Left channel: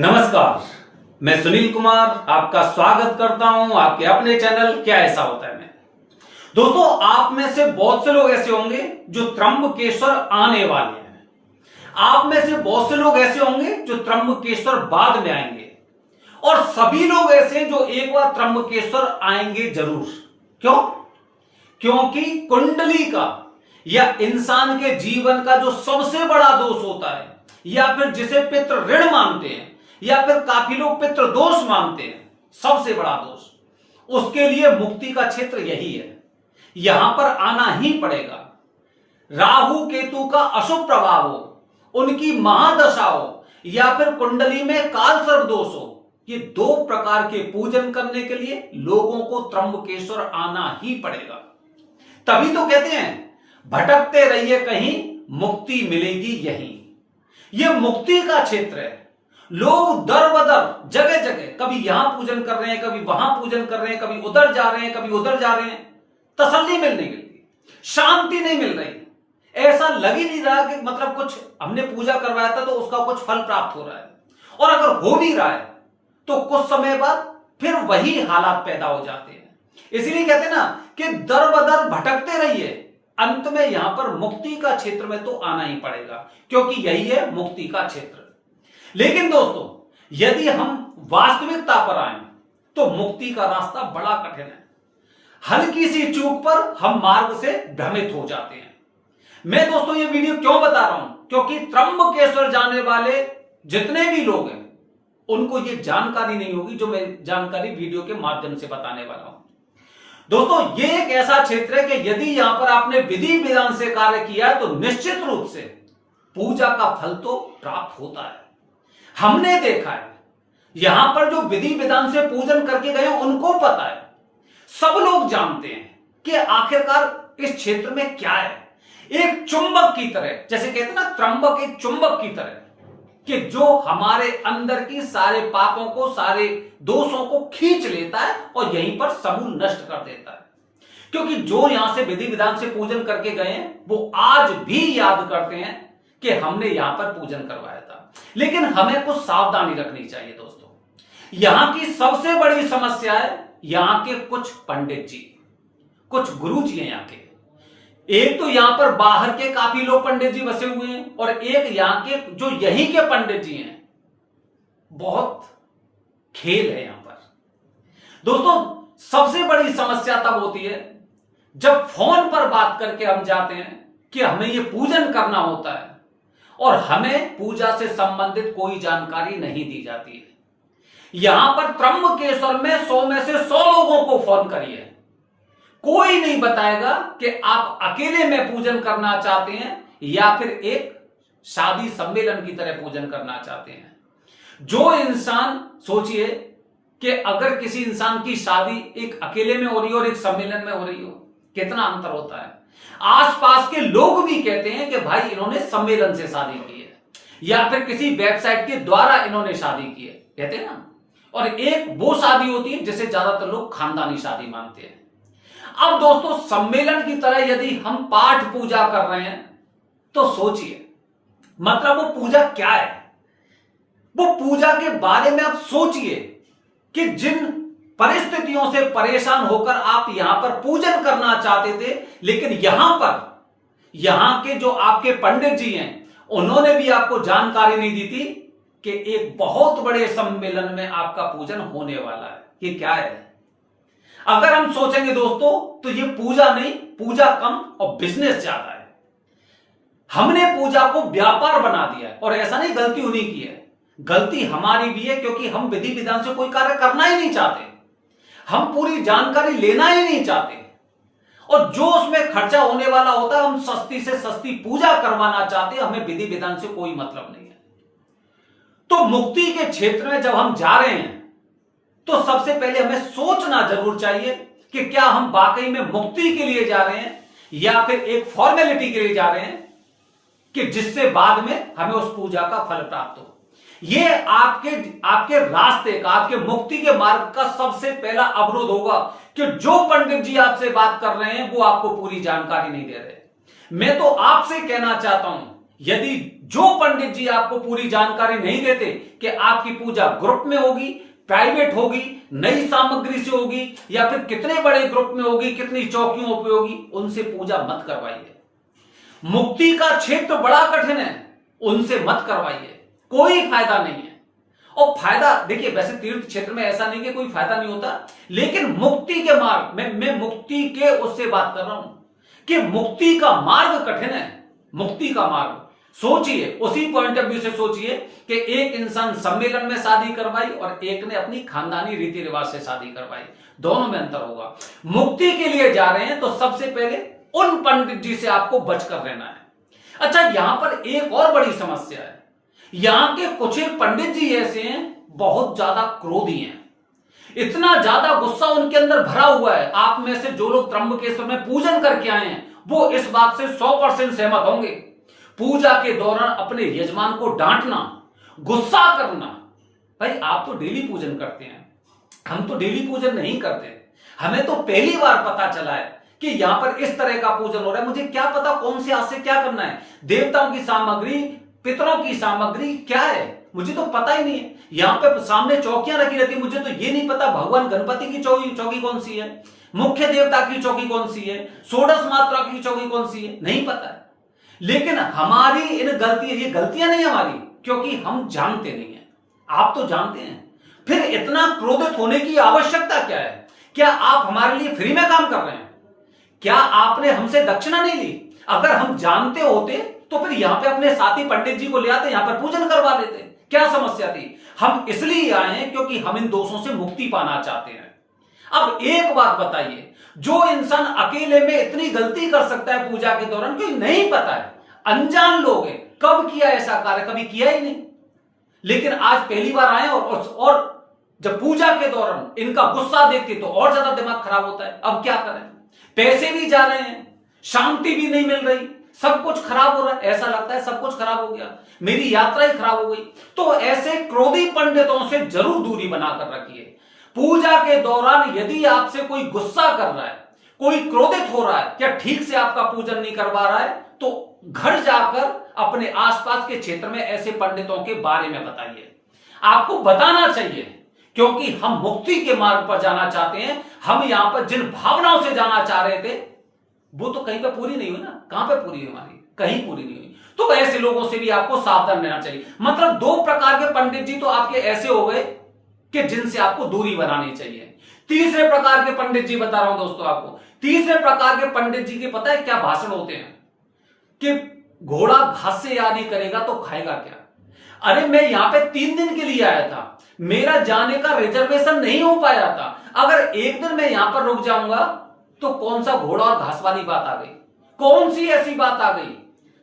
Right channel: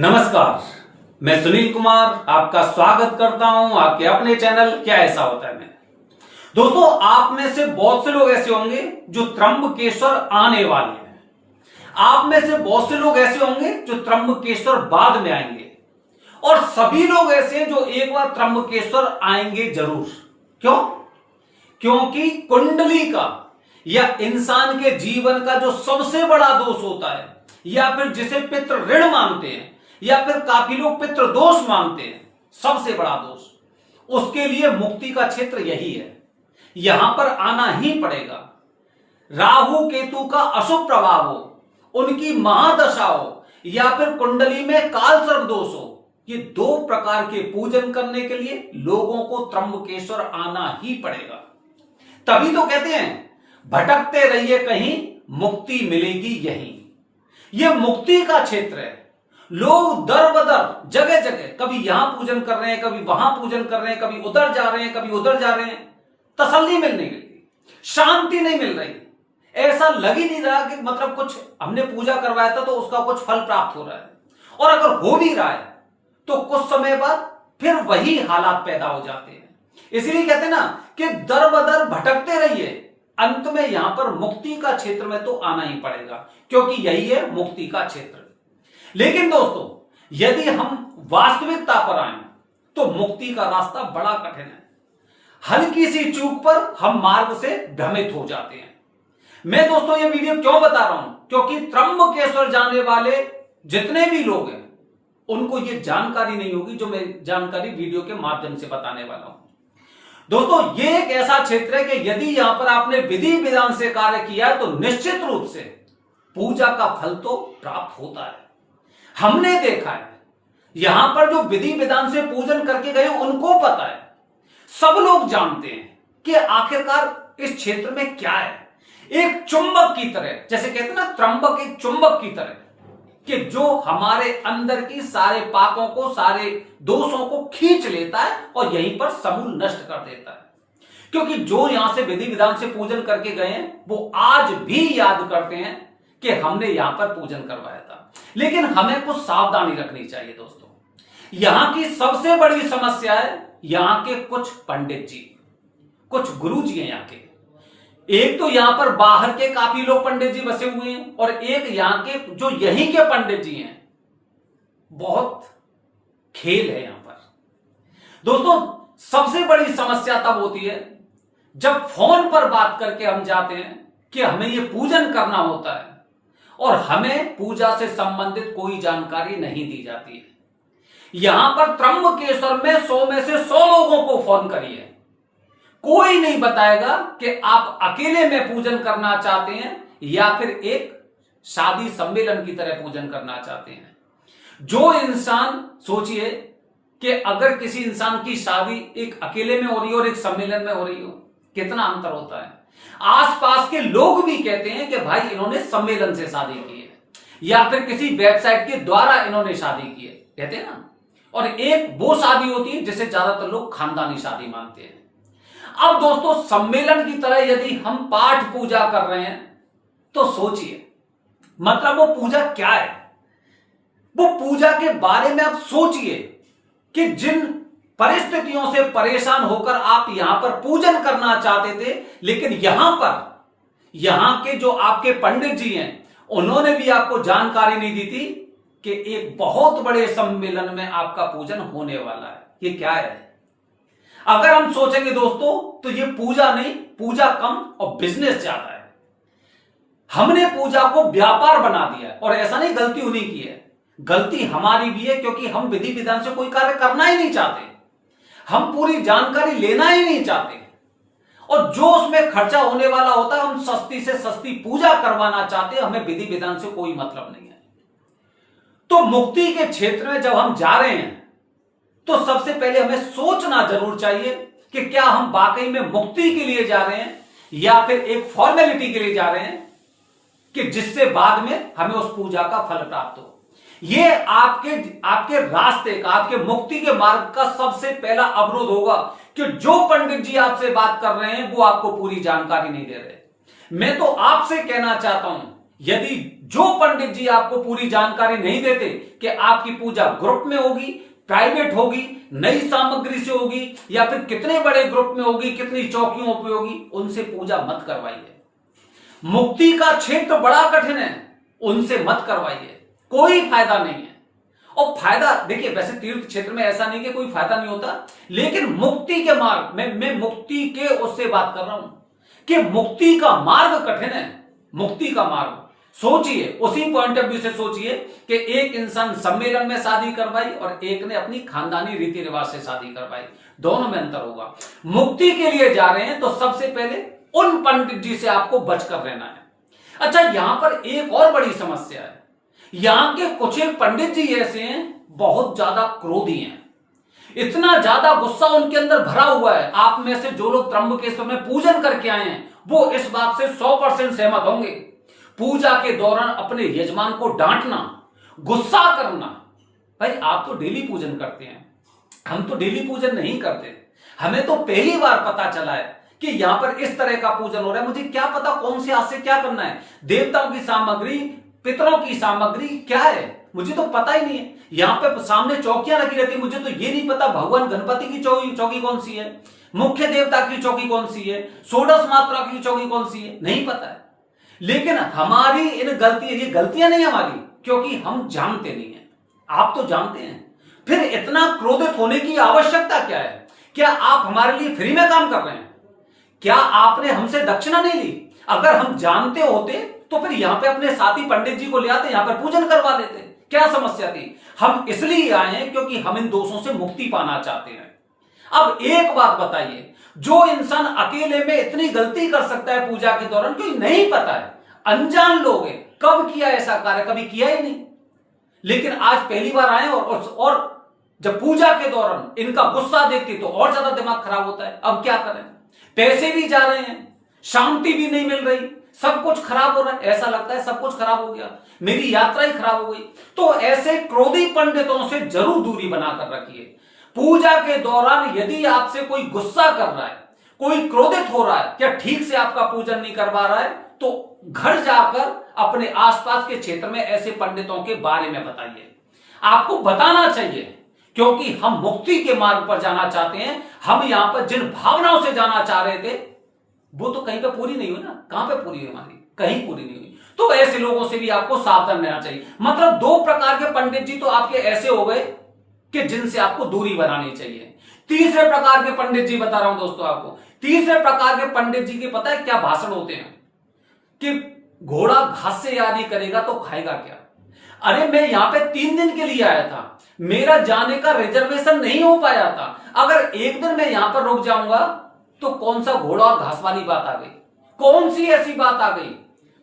नमस्कार, मैं सुनील कुमार आपका स्वागत करता हूं आपके अपने चैनल क्या ऐसा होता है में। दोस्तों, आप में से बहुत से लोग ऐसे होंगे जो त्र्यंबकेश्वर आने वाले हैं। आप में से बहुत से लोग ऐसे होंगे जो त्र्यंबकेश्वर बाद में आएंगे, और सभी लोग ऐसे हैं जो एक बार त्र्यंबकेश्वर आएंगे जरूर। क्यों? क्योंकि कुंडली का या इंसान के जीवन का जो सबसे बड़ा दोष होता है, या फिर जिसे पितृ ऋण मानते हैं, या फिर काफी लोग पितृ दोष मानते हैं, सबसे बड़ा दोष, उसके लिए मुक्ति का क्षेत्र यही है। यहां पर आना ही पड़ेगा। राहु केतु का अशुभ प्रभाव हो, उनकी महादशा हो, या फिर कुंडली में काल सर्प दोष हो, ये दो प्रकार के पूजन करने के लिए लोगों को त्र्यंबकेश्वर आना ही पड़ेगा। तभी तो कहते हैं भटकते रहिए कहीं, मुक्ति मिलेगी यहीं। यह मुक्ति का क्षेत्र है। लोग दर बदर जगह जगह कभी यहां पूजन कर रहे हैं, कभी वहां पूजन कर रहे हैं, कभी उधर जा रहे हैं, कभी उधर जा रहे हैं। तसल्ली मिल नहीं मिलती, शांति नहीं मिल रही। ऐसा लग ही नहीं रहा कि मतलब कुछ हमने पूजा करवाया था तो उसका कुछ फल प्राप्त हो रहा है, और अगर हो भी रहा है तो कुछ समय बाद फिर वही हालात पैदा हो जाते हैं। इसीलिए कहते हैं ना कि दर बदर भटकते रहिए, अंत में यहां पर मुक्ति का क्षेत्र में तो आना ही पड़ेगा, क्योंकि यही है मुक्ति का क्षेत्र। लेकिन दोस्तों, यदि हम वास्तविकता पर आए तो मुक्ति का रास्ता बड़ा कठिन है। हल्की सी चूक पर हम मार्ग से भ्रमित हो जाते हैं। मैं दोस्तों ये वीडियो क्यों बता रहा हूं? क्योंकि त्र्यंबकेश्वर जाने वाले जितने भी लोग हैं उनको ये जानकारी नहीं होगी जो मैं जानकारी वीडियो के माध्यम से बताने वाला हूं। दोस्तों, ये एक ऐसा क्षेत्र है कि यदि यहां पर आपने विधि विधान से कार्य किया है तो निश्चित रूप से पूजा का फल तो प्राप्त होता है। हमने देखा है, यहां पर जो विधि विधान से पूजन करके गए उनको पता है, सब लोग जानते हैं कि आखिरकार इस क्षेत्र में क्या है। एक चुंबक की तरह, जैसे कहते हैं ना, त्र्यंबक एक चुंबक की तरह, कि जो हमारे अंदर की सारे पापों को, सारे दोषों को खींच लेता है और यहीं पर समूल नष्ट कर देता है। क्योंकि जो यहां से विधि विधान से पूजन करके गए हैं वो आज भी याद करते हैं कि हमने यहां पर पूजन करवाया था। लेकिन हमें कुछ सावधानी रखनी चाहिए दोस्तों। यहां की सबसे बड़ी समस्या है यहां के कुछ पंडित जी, कुछ गुरु जी हैं यहां के। एक तो यहां पर बाहर के काफी लोग पंडित जी बसे हुए हैं, और एक यहां के जो यहीं के पंडित जी हैं। बहुत खेल है यहां पर दोस्तों। सबसे बड़ी समस्या तब होती है जब फोन पर बात करके हम जाते हैं कि हमें यह पूजन करना होता है, और हमें पूजा से संबंधित कोई जानकारी नहीं दी जाती है। यहां पर त्र्यंबकेश्वर में 100 में से 100 लोगों को फोन करिए, कोई नहीं बताएगा कि आप अकेले में पूजन करना चाहते हैं या फिर एक शादी सम्मेलन की तरह पूजन करना चाहते हैं। जो इंसान, सोचिए कि अगर किसी इंसान की शादी एक अकेले में हो रही हो और एक सम्मेलन में हो रही हो, कितना अंतर होता है। आसपास के लोग भी कहते हैं कि भाई इन्होंने सम्मेलन से शादी की है, या फिर किसी वेबसाइट के द्वारा इन्होंने शादी की है, कहते हैं ना। और एक वो शादी होती है जिसे ज्यादातर लोग खानदानी शादी मानते हैं। अब दोस्तों, सम्मेलन की तरह यदि हम पाठ पूजा कर रहे हैं तो सोचिए, मतलब वो पूजा क्या है। वो पूजा के बारे में आप सोचिए कि जिन परिस्थितियों से परेशान होकर आप यहां पर पूजन करना चाहते थे, लेकिन यहां के जो आपके पंडित जी हैं उन्होंने भी आपको जानकारी नहीं दी थी कि एक बहुत बड़े सम्मेलन में आपका पूजन होने वाला है। ये क्या है? अगर हम सोचेंगे दोस्तों तो ये पूजा नहीं, पूजा कम और बिजनेस ज्यादा है। हमने पूजा को व्यापार बना दिया है, और ऐसा नहीं गलती उन्हीं की है, गलती हमारी भी है, क्योंकि हम विधि विधान से कोई कार्य करना ही नहीं चाहते, हम पूरी जानकारी लेना ही नहीं चाहते, और जो उसमें खर्चा होने वाला होता है हम सस्ती से सस्ती पूजा करवाना चाहते हैं। हमें विधि विधान से कोई मतलब नहीं है। तो मुक्ति के क्षेत्र में जब हम जा रहे हैं तो सबसे पहले हमें सोचना जरूर चाहिए कि क्या हम वाकई में मुक्ति के लिए जा रहे हैं, या फिर एक फॉर्मेलिटी के लिए जा रहे हैं कि जिससे बाद में हमें उस पूजा का फल प्राप्त हो। यह आपके रास्ते का, आपके मुक्ति के मार्ग का सबसे पहला अवरोध होगा कि जो पंडित जी आपसे बात कर रहे हैं वो आपको पूरी जानकारी नहीं दे रहे। मैं तो आपसे कहना चाहता हूं, यदि जो पंडित जी आपको पूरी जानकारी नहीं देते कि आपकी पूजा ग्रुप में होगी, प्राइवेट होगी, नई सामग्री से होगी या फिर कितने बड़े ग्रुप में होगी, कितनी चौकियों पे होगी, उनसे पूजा मत करवाइए। मुक्ति का क्षेत्र बड़ा कठिन है, उनसे मत करवाइए, कोई फायदा नहीं है। और फायदा देखिए, वैसे तीर्थ क्षेत्र में ऐसा नहीं कि कोई फायदा नहीं होता, लेकिन मुक्ति के मार्ग में, मैं मुक्ति के उससे बात कर रहा हूं कि मुक्ति का मार्ग कठिन है। मुक्ति का मार्ग सोचिए, उसी पॉइंट ऑफ व्यू से सोचिए कि एक इंसान सम्मेलन में शादी करवाई और एक ने अपनी खानदानी रीति रिवाज से शादी करवाई, दोनों में अंतर होगा। मुक्ति के लिए जा रहे हैं तो सबसे पहले उन पंडित जी से आपको बचकर रहना है। अच्छा, यहां पर एक और बड़ी समस्या है। यहां के कुछ एक पंडित जी ऐसे हैं, बहुत ज्यादा क्रोधी हैं, इतना ज्यादा गुस्सा उनके अंदर भरा हुआ है। आप में से जो लोग त्र्यंबकेश्वर में पूजन करके आए हैं वो इस बात से 100% सहमत होंगे। पूजा के दौरान अपने यजमान को डांटना, गुस्सा करना। भाई आप तो डेली पूजन करते हैं, हम तो डेली पूजन नहीं करते। हमें तो पहली बार पता चला है कि यहां पर इस तरह का पूजन हो रहा है। मुझे क्या पता कौन से हाथ से क्या करना है, देवताओं की सामग्री, पितरों की सामग्री क्या है, मुझे तो पता ही नहीं है। यहां पे सामने चौकियां रखी रहती है, मुझे तो ये नहीं पता भगवान गणपति की चौकी कौन सी है, मुख्य देवता की चौकी कौन सी है, षोडश मात्रा की चौकी कौन सी है, नहीं पता है। लेकिन हमारी इन गलतियां, ये गलतियां नहीं हमारी, क्योंकि हम जानते नहीं है। आप तो जानते हैं, फिर इतना क्रोधित होने की आवश्यकता क्या है? क्या आप हमारे लिए फ्री में काम कर रहे हैं? क्या आपने हमसे दक्षिणा नहीं ली? अगर हम जानते होते तो फिर यहां पे अपने साथी पंडित जी को ले आते, यहां पर पूजन करवा लेते। क्या समस्या थी? हम इसलिए आए हैं क्योंकि हम इन दोषों से मुक्ति पाना चाहते हैं। अब एक बात बताइए, जो इंसान अकेले में इतनी गलती कर सकता है पूजा के दौरान, क्योंकि नहीं पता है, अनजान लोग हैं, कब किया ऐसा कार्य, कभी किया ही नहीं, लेकिन आज पहली बार आए और जब पूजा के दौरान इनका गुस्सा देखते तो और ज्यादा दिमाग खराब होता है। अब क्या करें? पैसे भी जा रहे हैं, शांति भी नहीं मिल रही, सब कुछ खराब हो रहा है, ऐसा लगता है सब कुछ खराब हो गया, मेरी यात्रा ही खराब हो गई। तो ऐसे क्रोधी पंडितों से जरूर दूरी बनाकर रखिए। पूजा के दौरान यदि आपसे कोई गुस्सा कर रहा है, कोई क्रोधित हो रहा है या ठीक से आपका पूजन नहीं करवा रहा है, तो घर जाकर अपने आसपास के क्षेत्र में ऐसे पंडितों के बारे में बताइए। आपको बताना चाहिए, क्योंकि हम मुक्ति के मार्ग पर जाना चाहते हैं। हम यहां पर जिन भावनाओं से जाना चाह रहे थे वो तो कहीं पे पूरी नहीं हुई ना। कहां पे पूरी हुई? हमारी कहीं पूरी नहीं हुई। तो ऐसे लोगों से भी आपको सावधान रहना चाहिए। मतलब दो प्रकार के पंडित जी तो आपके ऐसे हो गए कि जिनसे आपको दूरी बनानी चाहिए। तीसरे प्रकार के पंडित जी बता रहा हूं दोस्तों आपको। तीसरे प्रकार के पंडित जी के पता है क्या भाषण होते हैं कि घोड़ा घास से याद नहीं करेगा तो खाएगा क्या। अरे मैं यहां पे 3 दिन के लिए आया था, मेरा जाने का रिजर्वेशन नहीं हो पाया था। अगर एक दिन मैं यहां पर रुक जाऊंगा तो कौन सा घोड़ा और घास वाली बात आ गई, कौन सी ऐसी बात आ गई।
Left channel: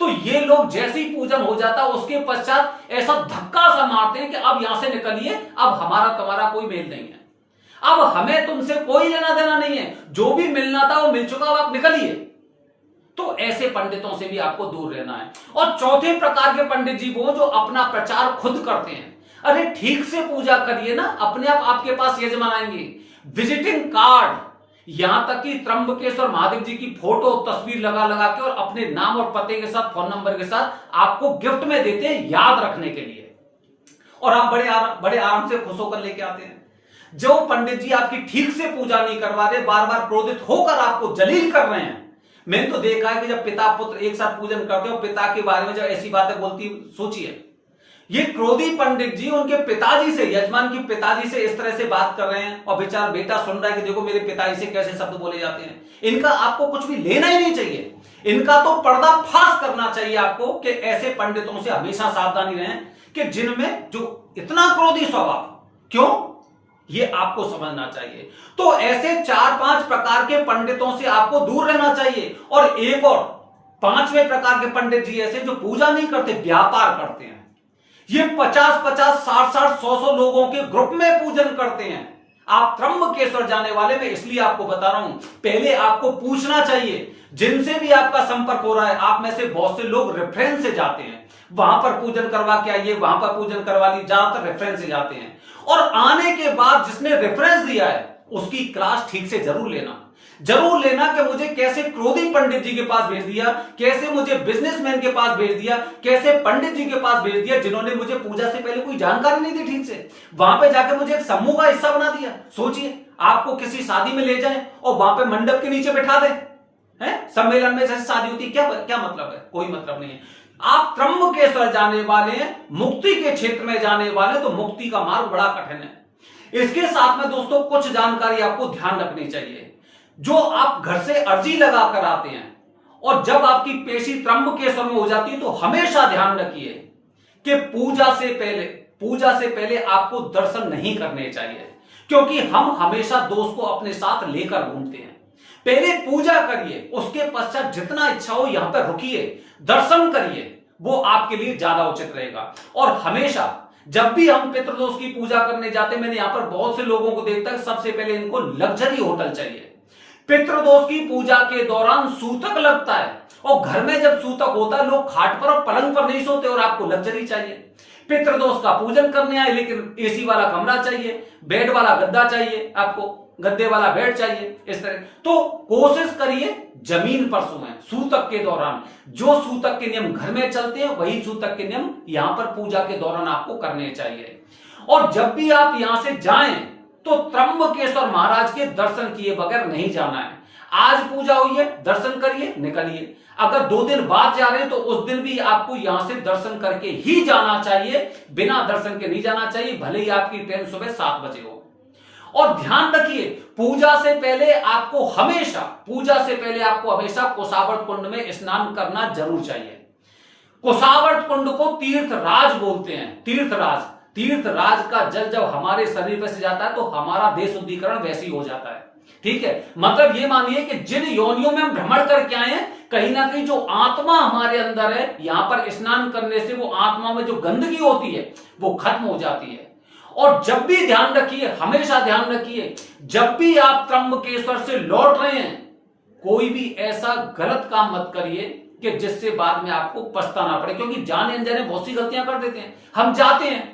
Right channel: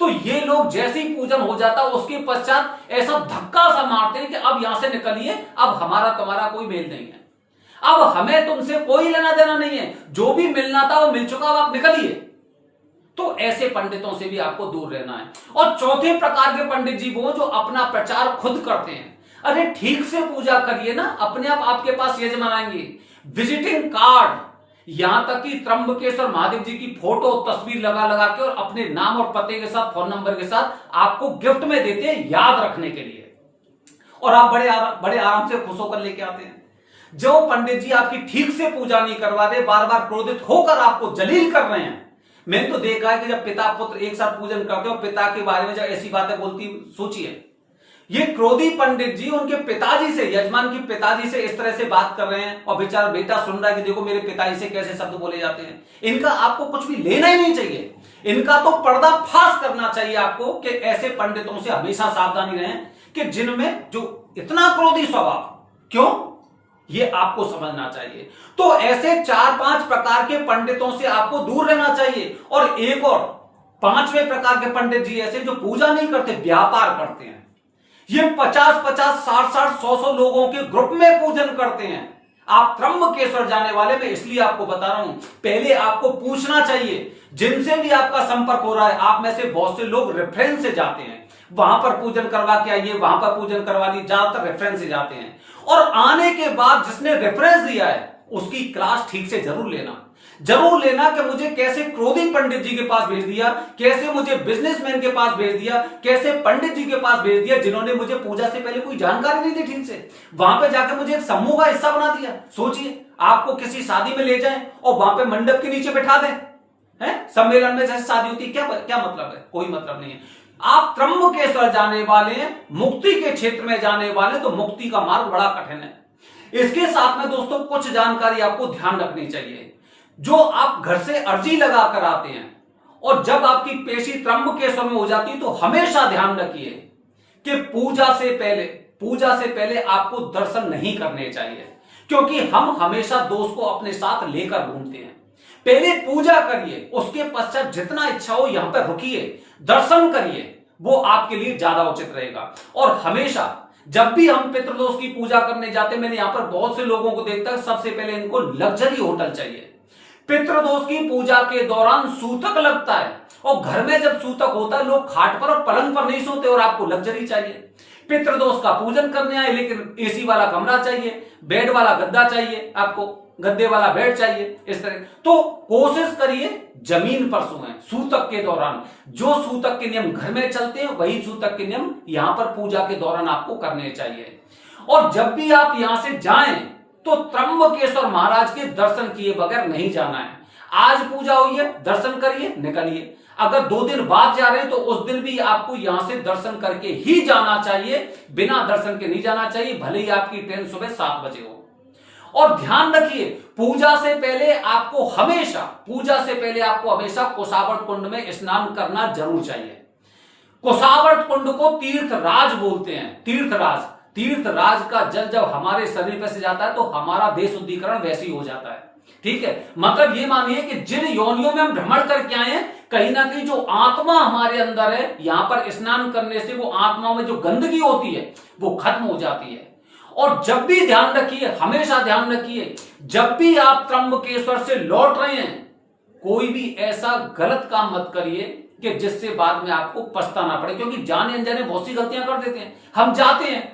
तो ये लोग जैसे ही पूजन हो जाता उसके पश्चात ऐसा धक्का सा मारते हैं कि अब यहां से निकलिए, अब हमारा तुम्हारा कोई मेल नहीं है, अब हमें तुमसे कोई लेना देना नहीं है, जो भी मिलना था वो मिल चुका, अब आप निकलिए। तो ऐसे पंडितों से भी आपको दूर रहना है। और चौथे प्रकार के पंडित जी वो जो अपना प्रचार खुद करते हैं। अरे ठीक से पूजा करिए ना, अपने आप आपके पास यजमान आएंगे। विजिटिंग कार्ड, यहां तक कि त्र्यंबकेश्वर महादेव जी की फोटो तस्वीर लगा लगा के और अपने नाम और पते के साथ, फोन नंबर के साथ आपको गिफ्ट में देते हैं याद रखने के लिए, और आप बड़े आराम से खुश होकर लेके आते हैं। जो पंडित जी आपकी ठीक से पूजा नहीं करवा रहे, बार बार क्रोधित होकर आपको जलील कर रहे हैं। मैंने तो देखा है कि जब पिता पुत्र एक साथ पूजन करते हो, पिता के बारे में जब ऐसी बातें बोलती, सोचिए ये क्रोधी पंडित जी उनके पिताजी से, यजमान की पिताजी से इस तरह से बात कर रहे हैं, और बेचारा बेटा सुन रहा है कि देखो मेरे पिताजी से कैसे शब्द बोले जाते हैं। इनका आपको कुछ भी लेना ही नहीं चाहिए। इनका तो पर्दाफाश करना चाहिए आपको कि ऐसे पंडितों से हमेशा सावधानी रहें कि जिनमें जो इतना क्रोधी स्वभाव, क्यों, ये आपको समझना चाहिए। तो ऐसे 4-5 प्रकार के पंडितों से आपको दूर रहना चाहिए। और एक और 5वें प्रकार के पंडित जी ऐसे जो पूजा नहीं करते, व्यापार करते हैं। ये 50-50, 60-60, 100-100 लोगों के ग्रुप में पूजन करते हैं। आप त्र्यंबकेश्वर जाने वाले, मैं इसलिए आपको बता रहा हूं, पहले आपको पूछना चाहिए जिनसे भी आपका संपर्क हो रहा है। आप में से बहुत से लोग रेफरेंस से जाते हैं, वहां पर पूजन करवा के आइए, वहां पर पूजन करवा ली, ज्यादातर रेफरेंस से जाते हैं। और आने के बाद जिसने रेफरेंस दिया है उसकी क्लास ठीक से जरूर लेना। जरूर लेना कि मुझे कैसे क्रोधी पंडित जी के पास भेज दिया, कैसे मुझे बिजनेसमैन के पास भेज दिया, कैसे पंडित जी के पास भेज दिया जिन्होंने मुझे पूजा से पहले कोई जानकारी नहीं दी ठीक से, वहां पे जाके मुझे एक समूह का हिस्सा बना दिया। सोचिए, आपको किसी शादी में ले जाएं और वहां पे मंडप के नीचे बैठा दें, है सम्मेलन में जैसे शादी होती है, क्या मतलब है? कोई मतलब नहीं है। आप त्र्यंबकेश्वर जाने वाले हैं, मुक्ति के क्षेत्र में जाने वाले, तो मुक्ति का मार्ग बड़ा कठिन है। इसके साथ में दोस्तों कुछ जानकारी आपको ध्यान रखनी चाहिए। जो आप घर से अर्जी लगा कर आते हैं और जब आपकी पेशी त्र्यंबकेश्वर में हो जाती है, तो हमेशा ध्यान रखिए कि पूजा से पहले आपको दर्शन नहीं करने चाहिए, क्योंकि हम हमेशा दोस्त को अपने साथ लेकर घूमते हैं। पहले पूजा करिए, उसके पश्चात जितना इच्छा हो यहां पर रुकिए, दर्शन करिए, वो आपके लिए ज्यादा उचित रहेगा। और हमेशा जब भी हम पितृदोष की पूजा करने जाते हैं, मैंने यहां पर बहुत से लोगों को देखता है, सबसे पहले इनको लग्जरी होटल चाहिए। पितृदोष की पूजा के दौरान सूतक लगता है, और घर में जब सूतक होता है लोग खाट पर और पलंग पर नहीं सोते, और आपको लग्जरी चाहिए। पितृदोष का पूजन करने आए, लेकिन एसी वाला कमरा चाहिए, बेड वाला गद्दा चाहिए, आपको गद्दे वाला बेड चाहिए, इस तरह। तो कोशिश करिए जमीन पर सोएं सूतक के दौरान। जो सूतक के नियम घर में चलते हैं, वही सूतक के नियम यहां पर पूजा के दौरान आपको करने चाहिए। और जब भी आप यहां से जाएं, तो त्र्यंबकेश्वर महाराज के दर्शन किए बगैर नहीं जाना है। आज पूजा हुई है, दर्शन करिए, निकलिए। अगर 2 दिन बाद जा रहे हैं, तो उस दिन भी आपको यहां से दर्शन करके ही जाना चाहिए, बिना दर्शन के नहीं जाना चाहिए, भले ही आपकी ट्रेन सुबह 7 बजे हो। और ध्यान रखिए, पूजा से पहले आपको हमेशा कुशावर्त कुंड में स्नान करना जरूर चाहिए। कुशावर्त कुंड को तीर्थराज बोलते हैं। तीर्थराज का जल जब हमारे शरीर पर से जाता है, तो हमारा देह शुद्धिकरण वैसे ही हो जाता है। ठीक है, मतलब ये मानिए कि जिन योनियों में हम भ्रमण करके आए हैं, कहीं ना कहीं जो आत्मा हमारे अंदर है, यहां पर स्नान करने से वो आत्मा में जो गंदगी होती है वो खत्म हो जाती है। और जब भी ध्यान रखिए, हमेशा ध्यान रखिए, जब भी आप त्र्यंबकेश्वर से लौट रहे हैं, कोई भी ऐसा गलत काम मत करिए कि जिससे बाद में आपको पछताना पड़े, क्योंकि जाने अनजाने बहुत सी गलतियां कर देते हैं। हम जाते हैं,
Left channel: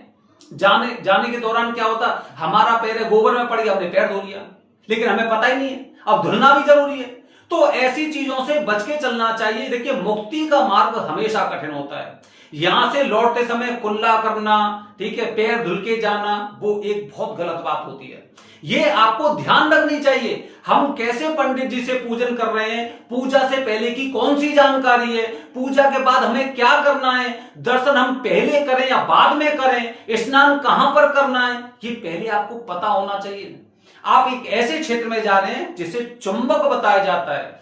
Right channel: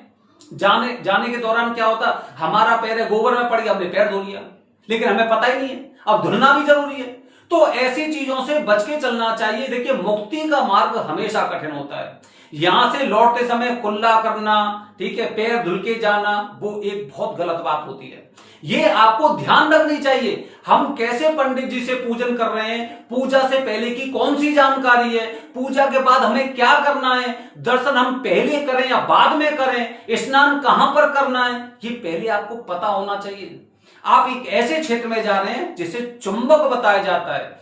जाने के दौरान क्या होता, हमारा पैर गोबर में पड़ गया, हमने पैर धो लिया, लेकिन हमें पता ही नहीं है, अब धुलना भी जरूरी है। तो ऐसी चीजों से बच के चलना चाहिए। देखिए, मुक्ति का मार्ग हमेशा कठिन होता है। यहां से लौटते समय कुल्ला करना, ठीक है, पैर धुल के जाना, वो एक बहुत गलत बात होती है। ये आपको ध्यान रखनी चाहिए। हम कैसे पंडित जी से पूजन कर रहे हैं, पूजा से पहले की कौन सी जानकारी है, पूजा के बाद हमें क्या करना है, दर्शन हम पहले करें या बाद में करें, स्नान कहां पर करना है, ये पहले आपको पता होना चाहिए। आप एक ऐसे क्षेत्र में जा रहे हैं जिसे चुंबक बताया जाता है।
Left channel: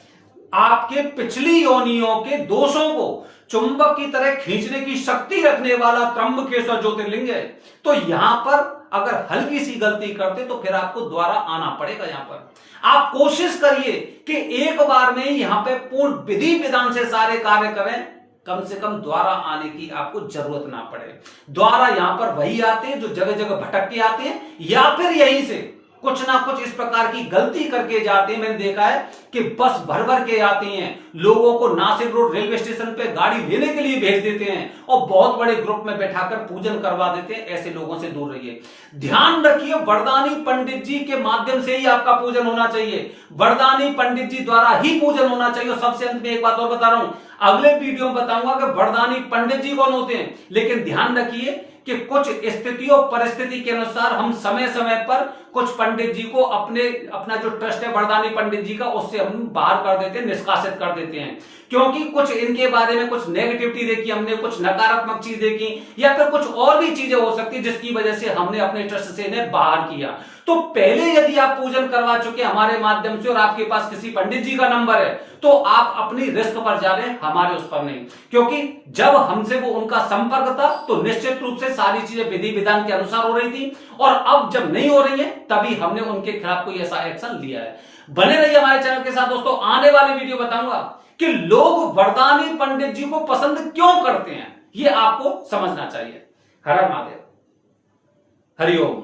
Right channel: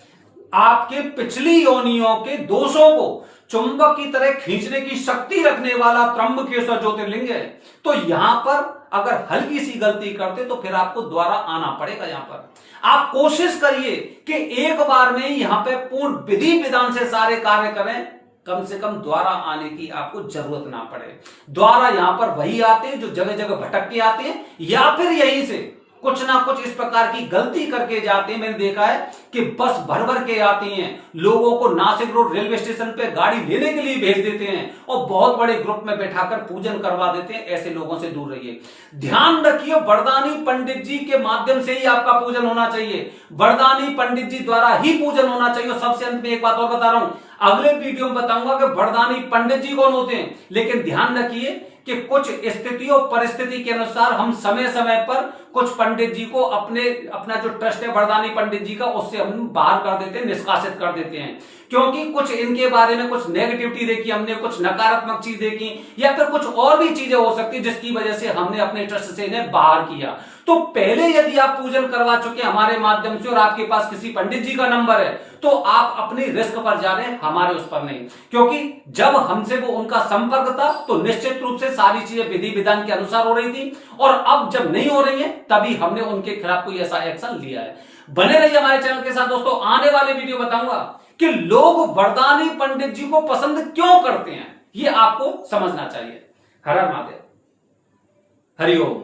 आपके पिछली योनियों के दोषों को चुंबक की तरह खींचने की शक्ति रखने वाला त्र्यंबकेश्वर ज्योतिर्लिंग है। तो यहां पर अगर हल्की सी गलती करते, तो फिर आपको दोबारा आना पड़ेगा। यहां पर आप कोशिश करिए कि एक बार में ही यहां पे पूर्ण विधि विधान से सारे कार्य करें, कम से कम द्वारा आने की आपको जरूरत ना पड़े। द्वारा यहां पर वही आते हैं जो जगह जगह भटक के आते हैं, या फिर यहीं से कुछ ना कुछ इस प्रकार की गलती करके जाते हैं। मैंने देखा है कि बस भर भर के आती हैं, लोगों को नासिक रोड रेलवे स्टेशन पे गाड़ी लेने के लिए भेज देते हैं और बहुत बड़े ग्रुप में बैठाकर पूजन करवा देते हैं। ऐसे लोगों से दूर रहिए। ध्यान रखिए, वरदानी पंडित जी के माध्यम से ही आपका पूजन होना चाहिए, वरदानी पंडित जी द्वारा ही पूजन होना चाहिए। और सबसे अंत में एक बात और बता रहा हूं, अगले वीडियो में बताऊंगा कि वरदानी पंडित जी कौन होते हैं। लेकिन ध्यान रखिए कि कुछ स्थिति और परिस्थिति के अनुसार हम समय समय पर कुछ पंडित जी को अपना जो ट्रस्ट है वरदानी पंडित जी का, उससे हम बाहर कर देते हैं, निष्कासित कर देते हैं। क्योंकि कुछ इनके बारे में कुछ नेगेटिविटी देखी हमने, कुछ नकारात्मक चीज देखी, या फिर कुछ और भी चीजें हो सकती जिसकी वजह से हमने अपने ट्रस्ट से इन्हें बाहर किया। तो पहले यदि आप पूजन करवा चुके हमारे माध्यम से और आपके पास किसी पंडित जी का नंबर है, तो आप अपनी रिस्क पर जा रहे हैं, हमारे उस पर नहीं। क्योंकि जब हमसे वो उनका संपर्क था, तो निश्चित रूप से सारी चीजें विधि विधान के अनुसार हो रही थी, और अब जब नहीं हो रही है, तभी हमने उनके खिलाफ कोई ऐसा एक्शन लिया है। बने रहिए हमारे चैनल के साथ दोस्तों। आने वाले वीडियो बताऊंगा कि लोग वरदानी पंडित जी को पसंद क्यों करते हैं, ये आपको समझना चाहिए। हर हर महादेव, हरिओम।